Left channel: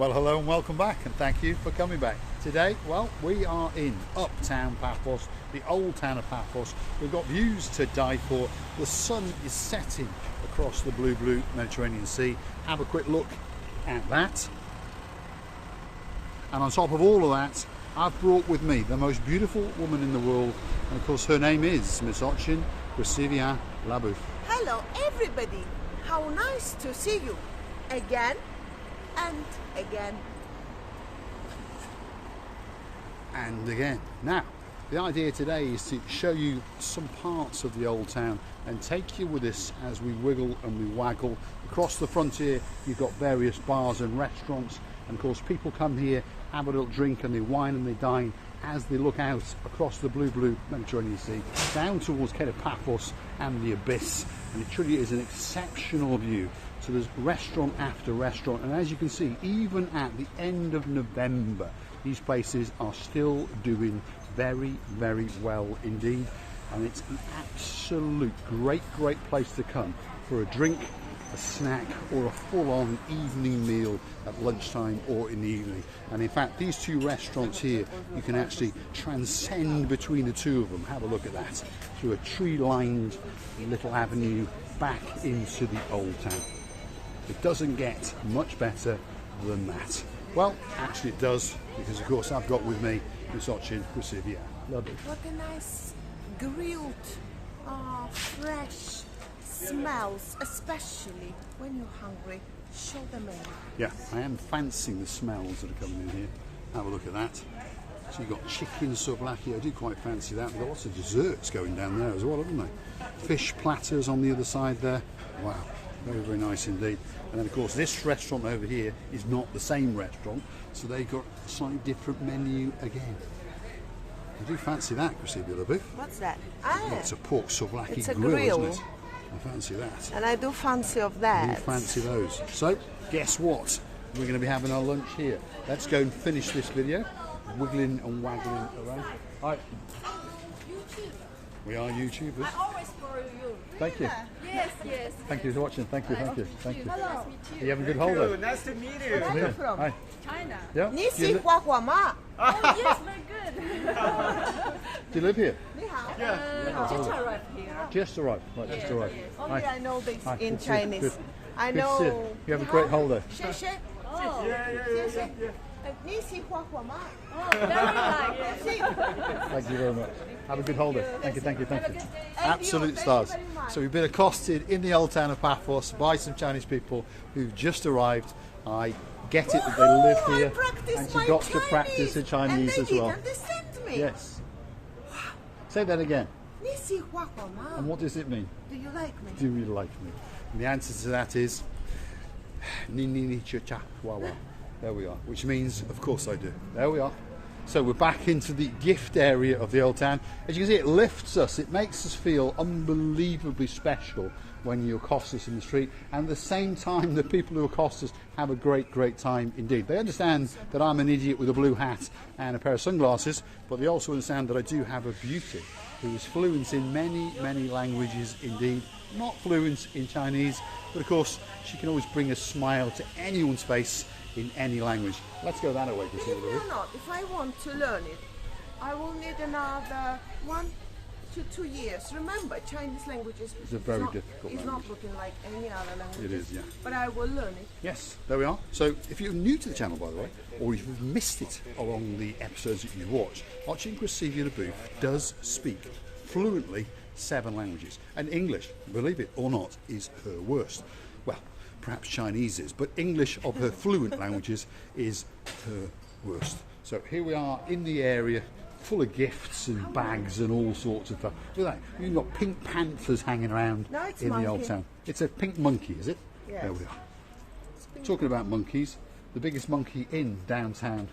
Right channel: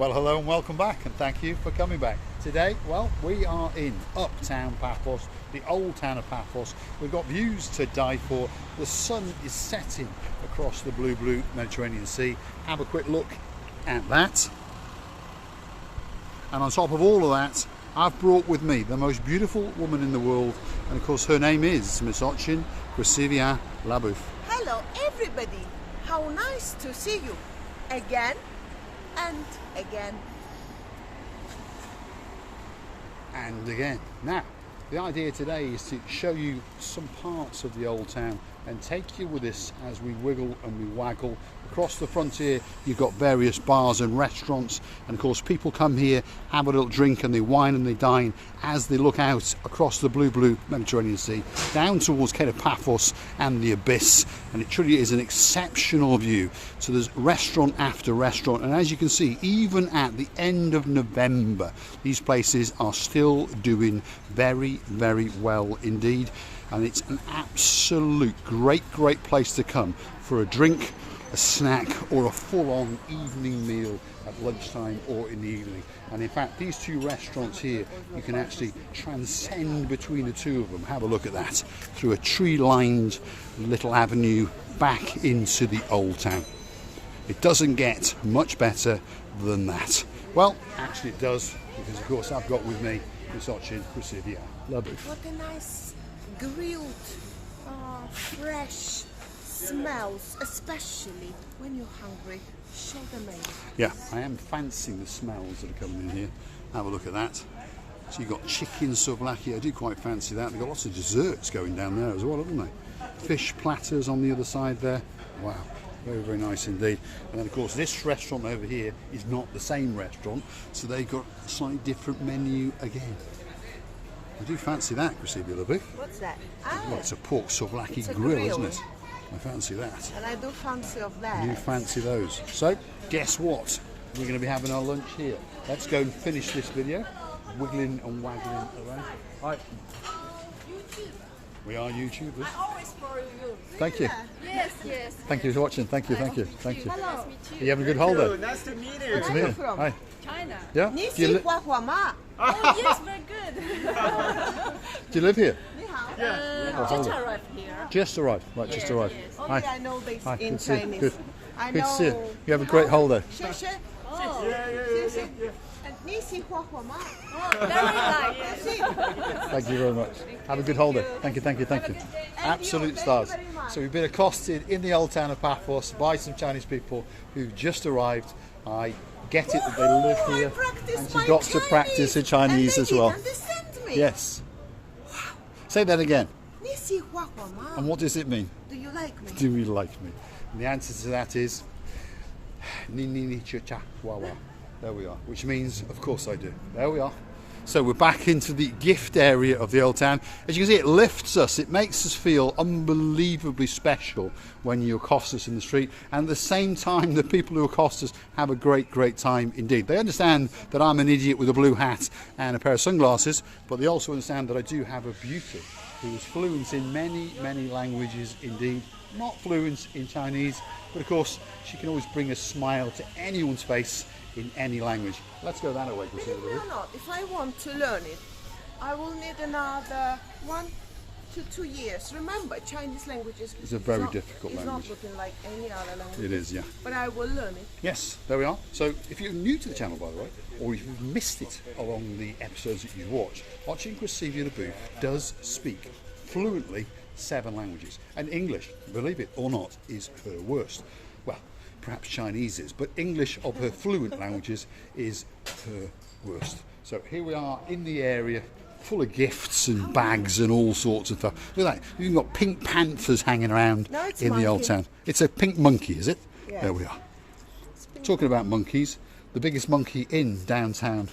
Well, hello and welcome back, and thank you for coming back. Today, well, we are in Uptown Paphos, the old town of Paphos. We've got views to die for. The sun is setting across the blue Mediterranean Sea. Have a quick look at that. And on top of all of that, I've brought with me the most beautiful woman in the world, and of course her name is Miss Ochin Krasivia Labouf. Hello everybody, how nice to see you again and again. And again. Now, the idea today is to show you some parts of the old town and take you with us as we wiggle and we waggle. Across the frontier, you've got various bars and restaurants, and of course people come here, have a little drink, and they wine and they dine as they look out across the blue Mediterranean Sea, down towards Cape Paphos and the abyss, and it truly is an exceptional view. So there's restaurant after restaurant, and as you can see, even at the end of November, these places are still doing very well indeed, and it's an absolute great place to come for a drink, a snack, or a full-on evening meal at lunchtime or in the evening. And in fact, these two restaurants here, you can actually transcend between the two of them. Have a look at that, through a tree-lined little avenue back into the old town. It doesn't get much better than that. Well, actually it does, because of course I've got with me Miss Ochin Krasivia Labouf. What a nice grilled, fresh smells, especially when you're hungry. Show them in. Yeah, I am fancying the smells that are coming in here. Have a look at that. So you've got chicken souvlaki. I do quite fancy that. They've got lots of desserts going down there as well, haven't they? Fish platters on the other side there. Wow, very nice indeed. And then of course this restaurant over here is not the same restaurant, so they've got a slightly different menu again. I do fancy that, Krasivia Labouf. What's that? Well, it's a pork souvlaki grill, isn't it? I fancy that. And I do fancy of that. You fancy those. So, guess what? We're going to be having our lunch here. Let's go and finish this video, wiggling and waggling around. Hi. We are YouTubers. I always follow you. Thank you. Yes. Thank you for watching. Thank you. Hello. Are you having a good holiday? Nice to meet you. Good to meet you. from? Hi. China. Yeah? Do Nisi you, hua hua ma. Oh, yes, we're good. do you live here? Just arrived here. Just arrived. Right, just arrived. Only I know this Hi, in good to see you. Chinese. Good. I Good to see you. know. You have a great holiday. 谢谢. Nisi hua hua ma. Very nice. Thank you very much. Have a good holiday. Thank you. Absolute Thank stars. you very much. So we've been accosted in the old town of Paphos by some Chinese people who've just arrived. I get it that they live I here, practice and she my got to practice her Chinese and as they well. didn't understand me. Yes. Say that again. Nisi hua hua ma. And what does it mean? Do you like me? Do you like me? And the answer to that is ni ni ni cha cha wa wa. There we are, which means of course I do. There we are. So we're back into the gift area of the old town. As you can see, it lifts us, it makes us feel unbelievably special when you accost us in the street, and at the same time the people who accost us have a great time indeed. They understand that I'm an idiot with a blue hat and a pair of sunglasses, but they also understand that I do have a beauty who is fluent in many languages indeed. Not fluent in Chinese, but of course she can always bring a smile to anyone's face in any language. Let's go that way. Believe it or not, if I want to learn it, I will need another 1 to 2 years. Remember, Chinese language is It's a very difficult It's language. not looking like any other language. It is, yeah. But I will learn it. Yes, there we are. So if you're new to the channel, by the way, or if you've missed it along the episodes that you've watched, Ochin Krasivia Labouf does speak fluently 7 languages. And English, believe it or not, is her worst. Well, perhaps Chinese is, but English of her fluent languages is her worst. So here we are in the area, full of gifts and bags and all sorts of stuff. Look at that, you've got pink panthers hanging around No, it's in the old monkey. town. It's a pink monkey, is it? Yeah. There we are. Talking about monkeys, the biggest monkey in downtown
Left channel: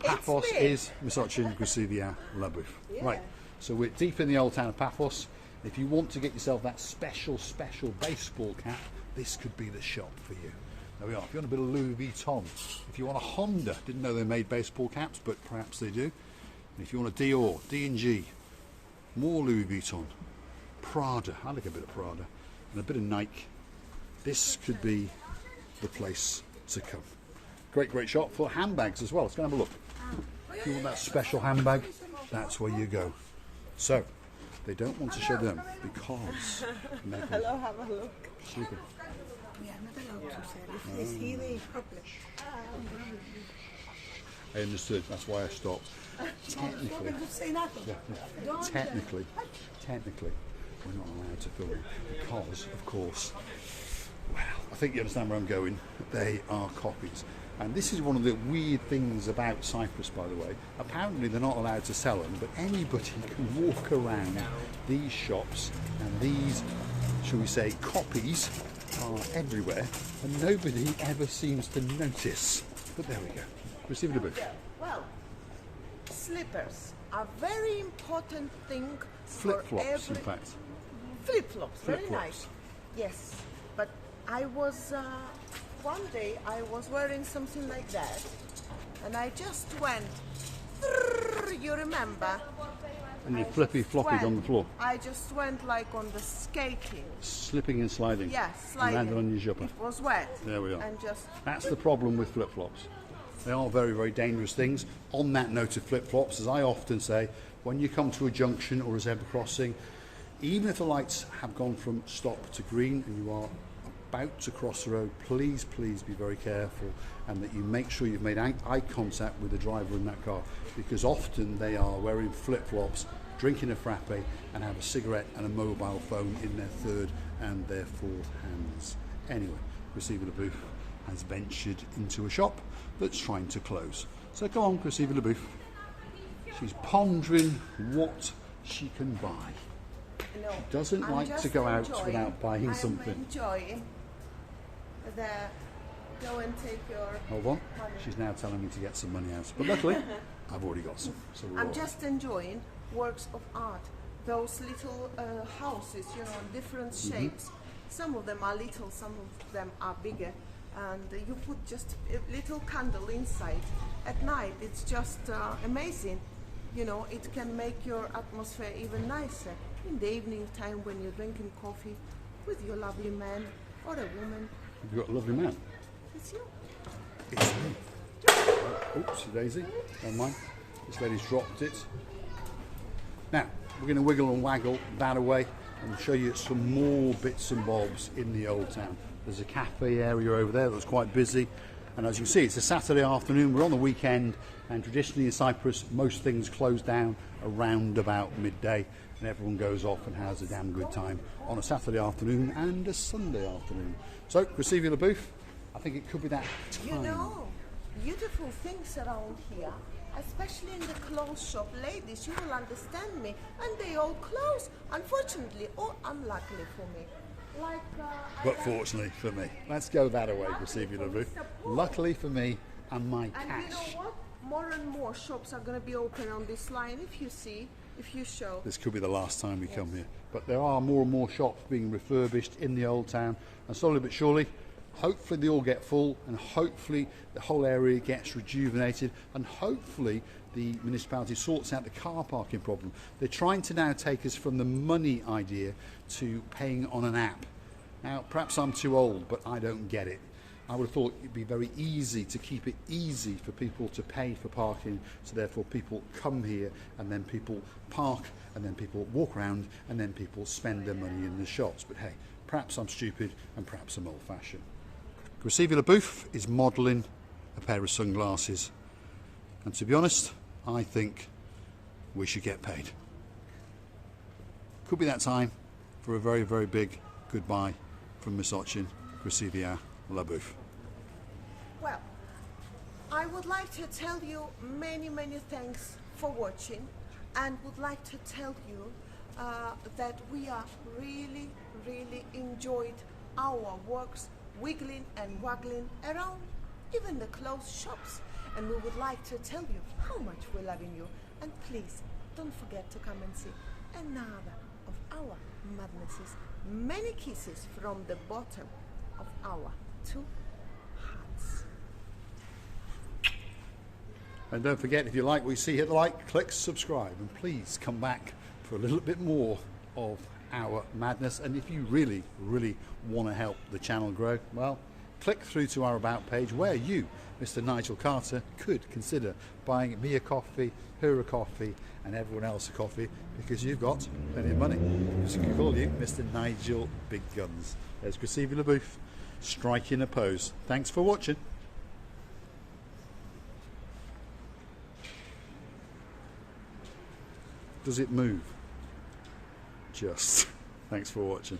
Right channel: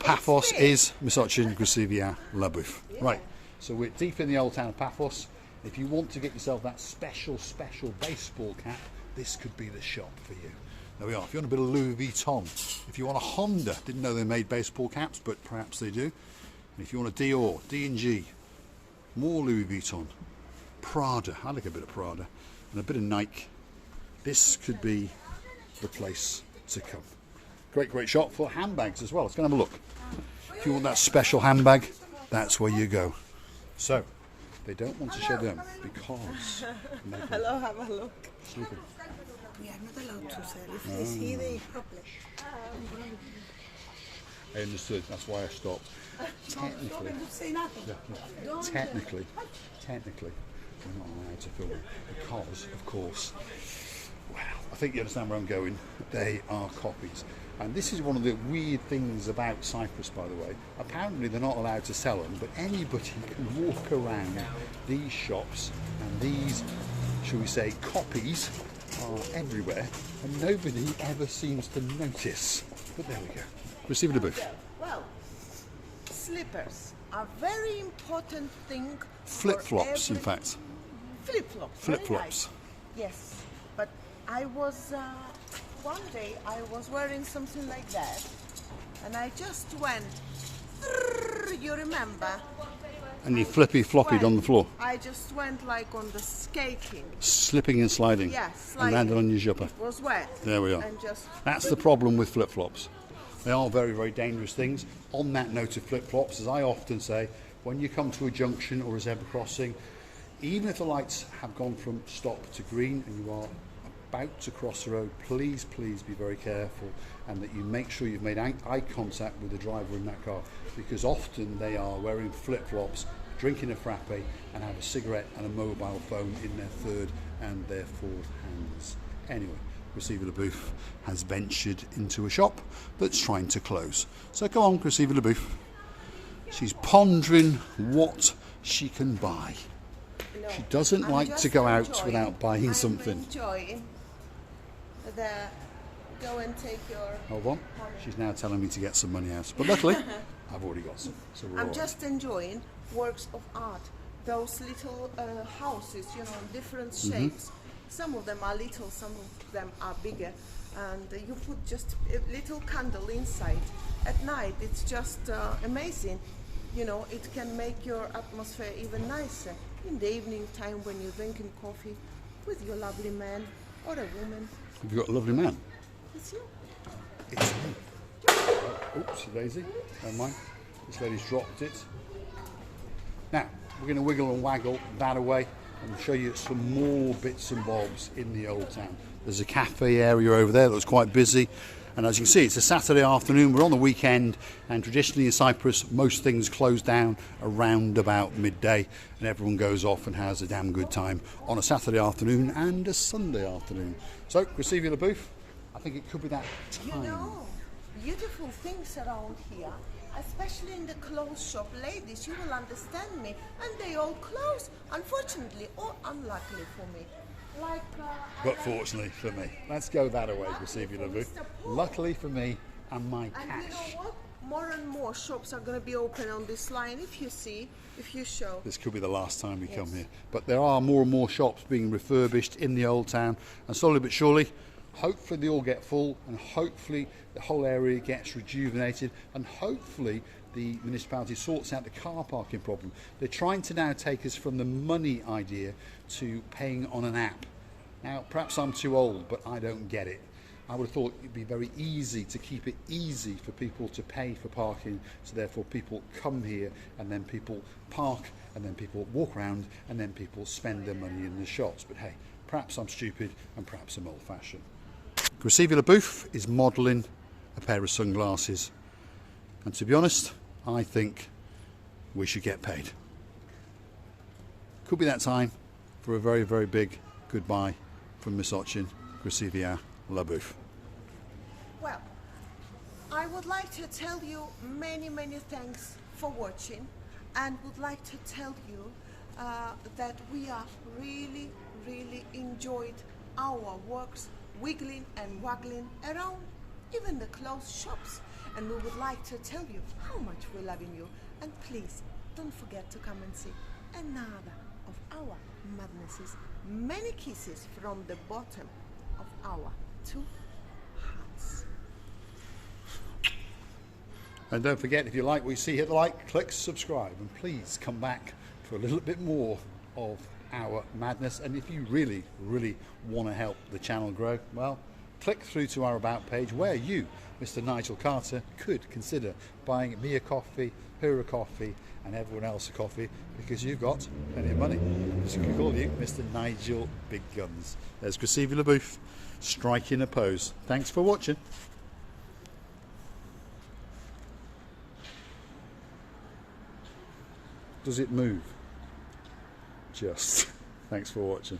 Paphos big. is Miss Ochin Krasivia Labouf. Right, so we're deep in the old town of Paphos. If you want to get yourself that special baseball cap, this could be the shop for you. There we are. If you want a bit of Louis Vuitton, if you want a Honda, didn't know they made baseball caps, but perhaps they do. And if you want a Dior, D&G, more Louis Vuitton, Prada, I like a bit of Prada, and a bit of Nike, this could be the place to come. Great shop for handbags as well. Let's go and have a look. If you want that special handbag, that's where you go. So, they don't want to show them because... Hello, have a look. Sleeping. We are not allowed to sell. If they see the problem. I understood. That's why I stopped. Technically, technically, we're not allowed to film because, of course, well, I think you understand where I'm going. They are copies. And this is one of the weird things about Cyprus, by the way. Apparently they're not allowed to sell them, but anybody can walk around these shops, and these, shall we say, copies are everywhere, and nobody ever seems to notice. But there we go. Receive the booth. Well, slippers are very important thing. Flip-flops, in fact. Flip-flops, very Flip-flops. nice. Yes, but I was one day I was wearing something like that, and I just went. You remember? And you flippy-floppied on the floor. I just went like on the skating. Slipping and sliding. Yeah, And sliding. landed on your jumper. It was wet. There we are. And just. That's the problem with flip-flops. They are very dangerous things. On that note of flip-flops, as I often say, when you come to a junction or a zebra crossing, even if the lights have gone from stop to green and you are about to cross the road, please be very careful, and that you make sure you've made eye contact with the driver in that car, because often they are wearing flip-flops, drinking a frappe, and have a cigarette and a mobile phone in their third and their fourth hands. Anyway, Receiver the Booth has ventured into a shop that's trying to close. So come on, Receiver the Booth. She's pondering what she can buy. No, She doesn't I'm like just to go out enjoying. without buying I'm something. Enjoying the go and take your. Hold on, she's now telling me to get some money out. But luckily, I've already got some. So we're all I'm right. just enjoying works of art. Those little houses, you know, in different Mm-hmm. shapes. Some of them are little, some of them are bigger, and you put just a little candle inside. At night, it's just amazing. You know, it can make your atmosphere even nicer. In the evening time when you're drinking coffee with your lovely man or a woman. Have you got a lovely man? It's you. It's me. Oh, oopsie daisy. Never mind. This lady's dropped it. Now, we're going to wiggle and waggle that away and show you some more bits and bobs in the old town. There's a cafe area over there that's quite busy. And as you can see, it's a Saturday afternoon. We're on the weekend, and traditionally in Cyprus, most things close down around about midday, and everyone goes off and has a damn good time on a Saturday afternoon and a Sunday afternoon. So, Receiver the Booth, I think it could be that time. You know, beautiful things around here, especially in the clothes shop. Ladies, you will understand me. And they all close, unfortunately or unluckily for me. Like, But fortunately for me. Let's go that away, Receiver the Booth. Luckily for me and my and cash. you know what? More and more shops are going to be open on this line. If you see, if you show. This could be the last time we come here. But there are more and more shops being refurbished in the old town, and slowly but surely, hopefully they all get full, and hopefully the whole area gets rejuvenated, and hopefully the municipality sorts out the car parking problem. They're trying to now take us from the money idea to paying on an app. Now, perhaps I'm too old, but I don't get it. I would have thought it'd be very easy to keep it easy for people to pay for parking, so therefore people come here and then people park and then people walk around and then people spend their money in the shops. But hey, perhaps I'm stupid and perhaps I'm old-fashioned. Receiver the Booth is modelling a pair of sunglasses, and to be honest, I think we should get paid. Could be that time for a very big goodbye from Miss Ochin, Receiver La Booth. Well, I would like to tell you many thanks for watching, and would like to tell you that we are really enjoyed our works, wiggling and waggling around even the closed shops, and we would like to tell you how much we're loving you, and please don't forget to come and see another of our madnesses. Many kisses from the bottom of our 2 hearts. And don't forget, if you like what you see, hit the like, click subscribe, and please come back for a little bit more of our madness. And if you really want to help the channel grow, well, click through to our About page where you, Mr. Nigel Carter, could consider buying me a coffee, her a coffee, and everyone else a coffee, because you've got plenty of money. So you can call you Mr. Nigel Big Guns. There's Chrissy LaBouffe striking a pose. Thanks for watching. Does it move? Just. Thanks for watching.